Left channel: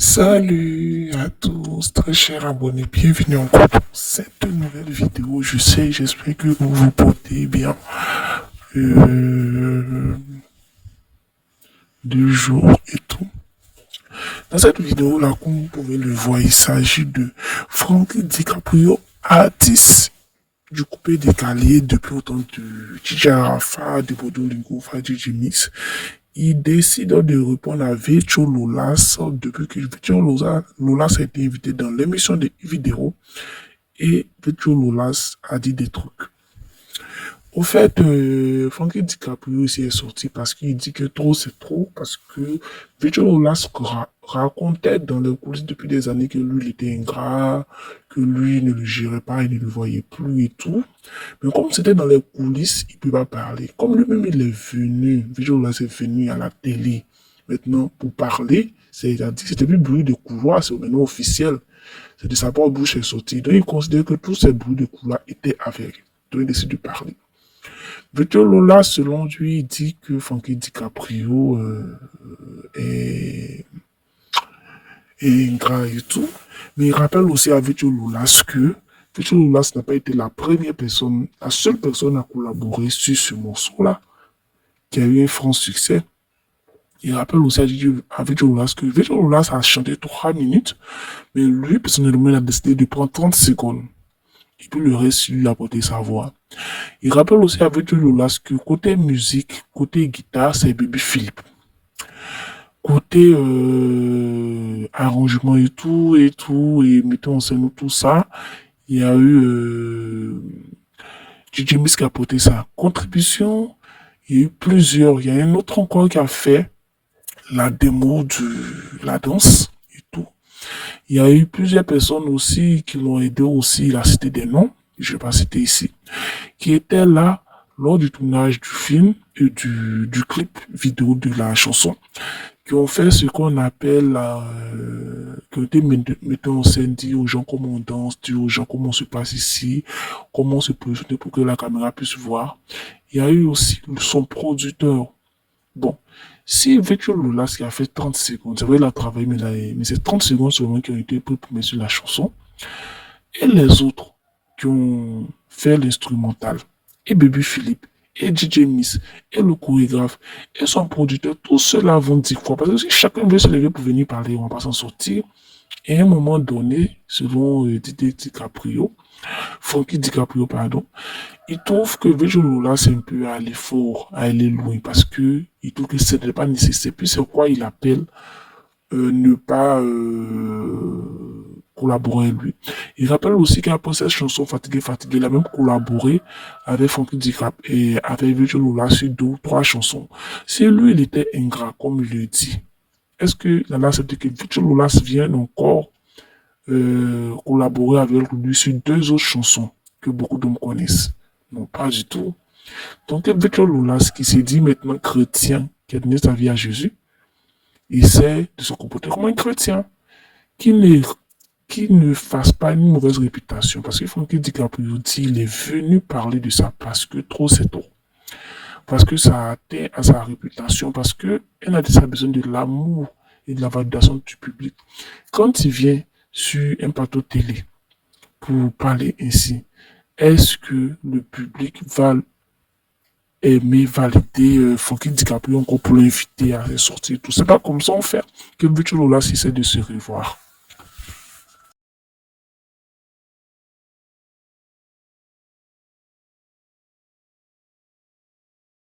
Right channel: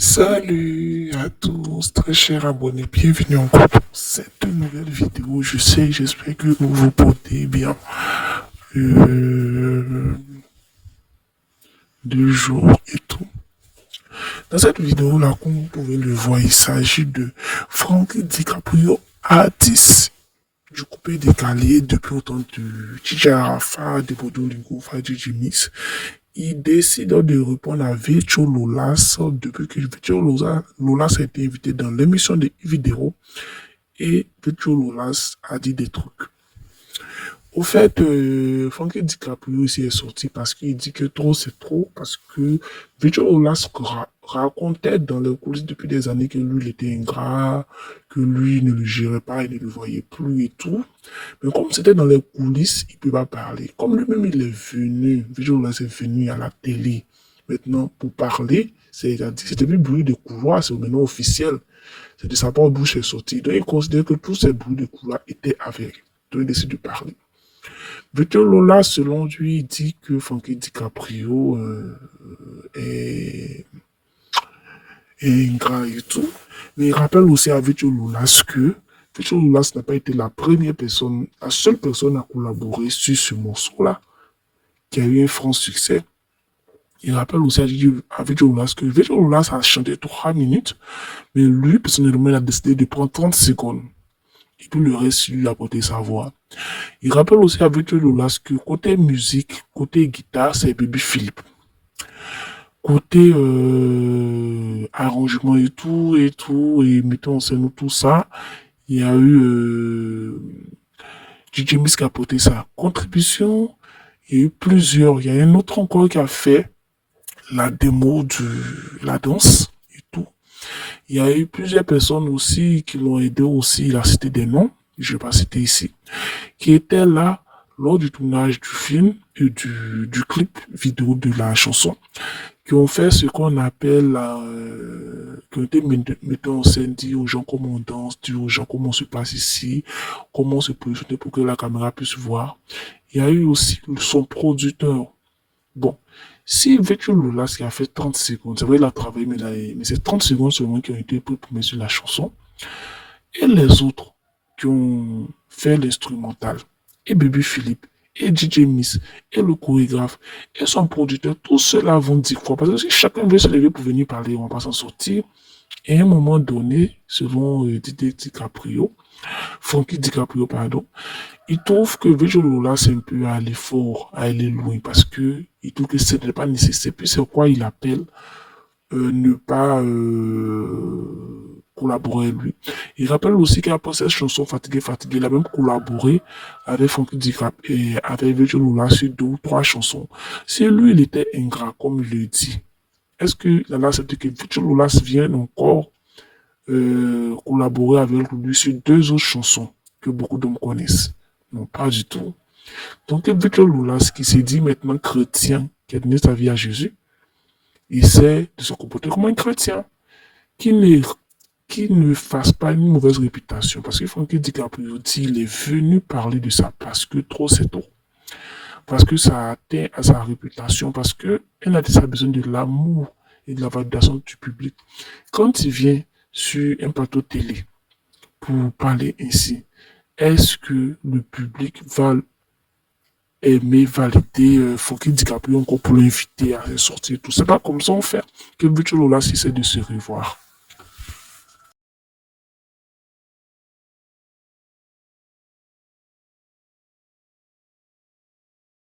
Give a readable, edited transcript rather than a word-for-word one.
Salut à tous, très chers abonnés, bienvenue encore pour cette nouvelle vidéo. J'espère que vous vous portez bien. Euh, de jour et tout. Dans cette vidéo-là, comme vous pouvez le voir, il s'agit de Frank DiCaprio, artiste du coupé décalé depuis autant de DJ Arafat, de Bodolingo, DJ Mix. Il décide de répondre à Virtual Lolas depuis que Virtual Lolas a été invité dans l'émission de vidéo et Virtual Lolas a dit des trucs. Au fait, Frankie DiCaprio aussi est sorti parce qu'il dit que trop c'est trop, parce que Virtual Lolas racontait dans les coulisses depuis des années que lui il était ingrat, que lui ne le gérait pas, il ne le voyait plus et tout. Mais comme c'était dans les coulisses, il ne peut pas parler. Comme lui-même il est venu, Virtual Lolas est venu à la télé maintenant pour parler, c'était plus bruit de couloir, c'est maintenant officiel. C'est de sa propre bouche est sorti. Donc il considère que tous ces bruits de couloir étaient avérés. Donc il décide de parler. Victor Lola, selon lui, dit que Frankie DiCaprio est ingrat et tout. Mais il rappelle aussi à Victor Lolas que Victor Lolas n'a pas été la seule personne à collaborer sur ce morceau-là, qui a eu un franc succès. Il rappelle aussi à Victor Lolas que Victor Lolas a chanté 3 minutes, mais lui, personnellement, il a décidé de prendre 30 secondes. Et puis le reste, lui a porté sa voix. Il rappelle aussi avec Lolas que côté musique, côté guitare, c'est Baby Philippe. Côté arrangement et mettons en scène tout ça, il y a eu DJ Miss qui a porté sa contribution. Il y a eu plusieurs. Il y a un autre encore qui a fait la démo de la danse et tout. Il y a eu plusieurs personnes aussi qui l'ont aidé aussi. Il a cité des noms, je ne vais pas citer ici, qui étaient là lors du tournage du film et du clip vidéo de la chanson, qui ont fait ce qu'on appelle que des metteurs en scène, dit aux gens comment on danse, dit aux gens comment on se passe ici, comment on se positionne pour que la caméra puisse voir. Il y a eu aussi son producteur. Bon, si Victor Lolas qui a fait 30 secondes, c'est vrai il a travaillé, mais c'est 30 secondes seulement qui ont été primées sur la chanson, et les autres qui ont fait l'instrumental, et Baby Philippe, et DJ Miss, et le chorégraphe, et son producteur, tous ceux-là vont dire quoi? Parce que si chacun veut se lever pour venir parler, on va pas s'en sortir. Et à un moment donné, selon Didier DiCaprio, Frankie DiCaprio, pardon, il trouve que Virgil Lola, c'est un peu à aller fort, à aller loin, parce que il trouve que ce n'est pas nécessaire. Puis c'est quoi il appelle ne pas collaborer avec lui. Il rappelle aussi qu'après cette chanson Fatigué, Fatigué, il a même collaboré avec Frankie DiCap et avec Virgil Lola sur 2 ou 3 chansons. Si lui, il était ingrat, comme il le dit, est-ce qu'il a accepté que Virgil Lola vienne encore collaborer avec lui sur 2 autres chansons que beaucoup d'hommes connaissent? Non, pas du tout. Donc, Victor Lolas, qui s'est dit maintenant chrétien, qui a donné sa vie à Jésus, essaie de se comporter comme un chrétien, qui ne, qui ne fasse pas une mauvaise réputation. Parce que Frankie DiCaprio dit il est venu parler de ça parce que trop c'est trop. Parce que ça a atteint à sa réputation, parce que elle a dit ça a besoin de l'amour et de la validation du public. Quand il vient sur un plateau télé pour parler ainsi, est-ce que le public va aimer valider Frankie DiCaprio encore pour l'inviter à sortir tout? C'est pas comme ça on fait que Virtual Lola essaie de se revoir.